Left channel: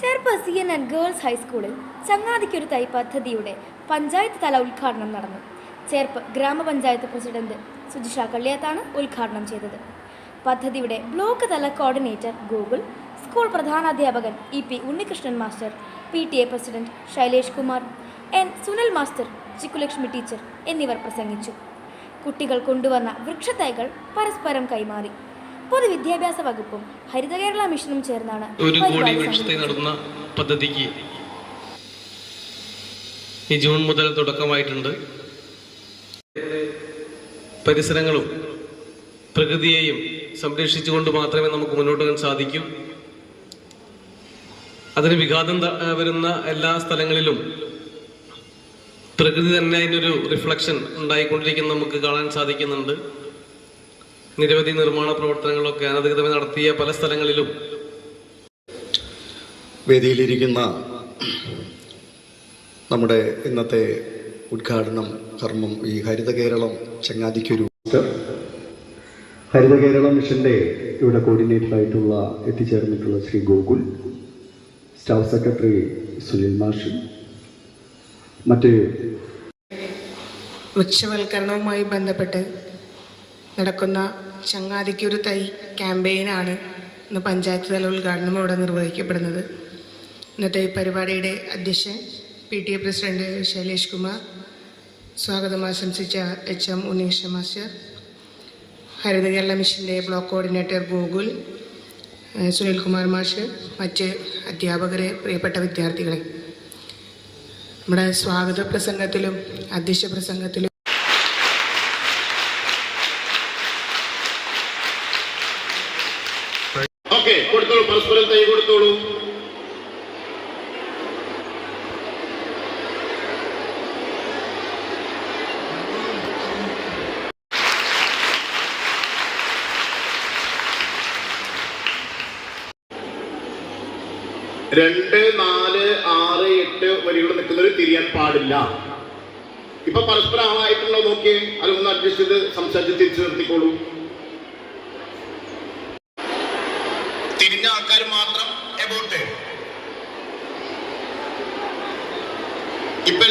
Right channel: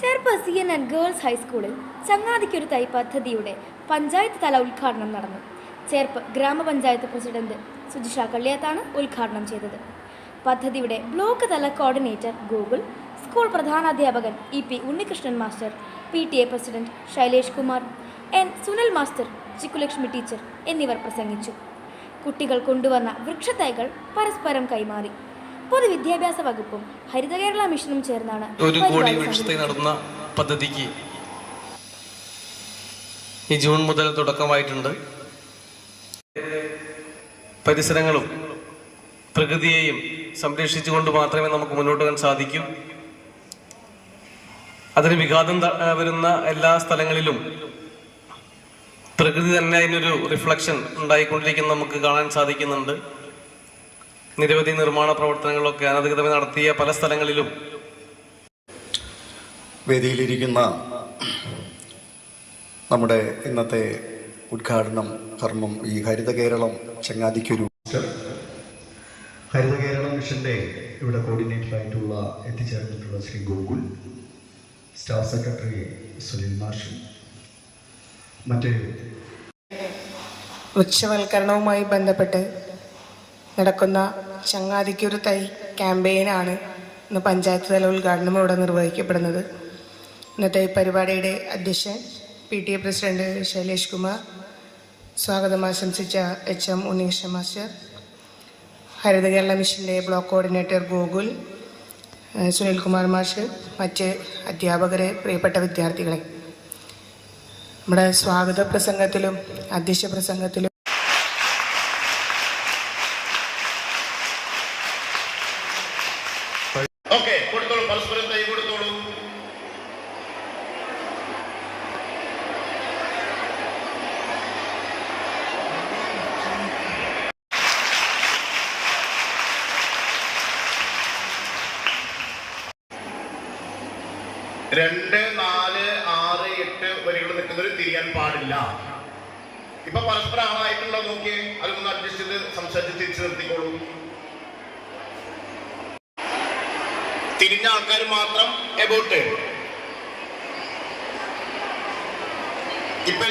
Cherpu C N N girls ഹൈസ്കൂളിൽ ചങ്ങാതിക്കൊരു തൈ പദ്ധതിയുടെ പഞ്ചായത്ത് തല ഉദ്ഘാടനം നടന്നു. ചേർപ്പ് ഗ്രാമപഞ്ചായത്ത് പ്രസിഡന്റ് സുജിഷ കള്ളിയത്താണ് ഉദ്ഘാടനം ചെയ്തത്. പദ്ധതിയുടെ ബ്ലോക്ക് തല coordinator Google school പ്രധാനാധ്യാപകൻ E P Unnikrishnan master P T A president Shailesh Kumar N Sunil master Chikkulakshmi teacher എന്നിവർ പ്രസംഗിച്ചു. കുട്ടികൾ കൊണ്ടുവന്ന വൃക്ഷത്തൈകൾ പരസ്പരം കൈമാറി. പൊതുവിദ്യാഭ്യാസ വകുപ്പും ഹരിത കേരള മിഷനും ചേർന്നാണ് ഒരു കോടി പരിപാടി വൃക്ഷത്തൈ നടന്ന പദ്ധതിക്ക് ഈ ജൂൺ മുതൽ തുടക്കമായിട്ടുണ്ട്. പരിസരങ്ങളും പ്രകൃതിയെയും സംരക്ഷിച്ചുകൊണ്ട് മാത്രമേ നമുക്ക് മുന്നോട്ട് പോകാൻ സാധിക്കൂ. അതിന് വിഘാതം വരുന്ന എല്ലാ സ്ഥലങ്ങളിലും പ്രകൃതി തന്നെ അതിനൊരു റിഫ്ലക്ഷൻ ഉണ്ടായിക്കൊണ്ടിരിക്കുന്ന നമുക്ക് കാണാൻ സാധിക്കുന്നുണ്ട്. നിരവധി നിർമ്മാണ പ്രവർത്തനങ്ങളൊക്കെ അനധികൃതമായി നടത്തിയ പല സ്ഥലങ്ങളിലും വേദിയിലിരിക്കുന്ന നമ്മുടെ ഇന്നത്തെ ഉദ്ഘാടനം കർമ്മം ഈ ഹരിത കേരളം ചങ്ങാതിക്കൊരു ഹരിത കേരള മിഷന്റെ ഇവിടെ കോർഡിനേറ്റർ ആയിട്ടുള്ള എത്തിച്ചേർന്നിട്ടുള്ള ശ്രീ ഗോകുൽ സ്റ്റാഫ് സെക്രട്ടറി സുനിൽ മാഷി മറ്റ് വൃക്ഷവൽക്കരണവുമായി ബന്ധപ്പെട്ട് നടക്കുന്ന ചങ്ങാതിക്കൊരു തൈ ക്യാമ്പയിനാണ് ഇന്ന് പഞ്ചായത്ത് തല ഉദ്ഘാടനം ഇവിടെ നിർവഹിക്കപ്പെടുന്നത്. ഇന്നത്തെ ഈ പരിപാടിയുടെ അധ്യക്ഷൻ P T A president Shailesh Kumar സ്വാഗതം ആശംസിച്ച H M Unneesh master Haritha Kerala മിഷന്റെ ബ്ലോക്ക് കോർഡിനേറ്റർ ഗോകുൽ സുനിൽകുമാർ മാഷ് മറ്റ് അധ്യാപകരെ പ്രിയപ്പെട്ട വിദ്യാർത്ഥികളെ. നമ്മുടെ സ്വാഗത പ്രസംഗത്തിലും അധ്യക്ഷ പ്രസംഗത്തിലും ഓക്കെ കൊടുത്തോളൂ പരസ്പരം തൈ കൊടുത്തോളൂ. രണ്ട് നാല് ആറ് എട്ട് വരികൾ നിൽക്കുന്നവർ തിരിയാൻ പാടില്ല. ഇപ്പൊ പരസ്പരം ആളായിട്ടുള്ള നോക്കിയേ അതൊന്ന് അഡ്ജസ്റ്റ് ചെയ്ത് സംസാരിച്ച് തിരിച്ചു നിർത്തിക്കോളൂ. തിരിഞ്ഞ ആൾക്കാർ മാത്രം എബോട്ട് ഇപ്പൊ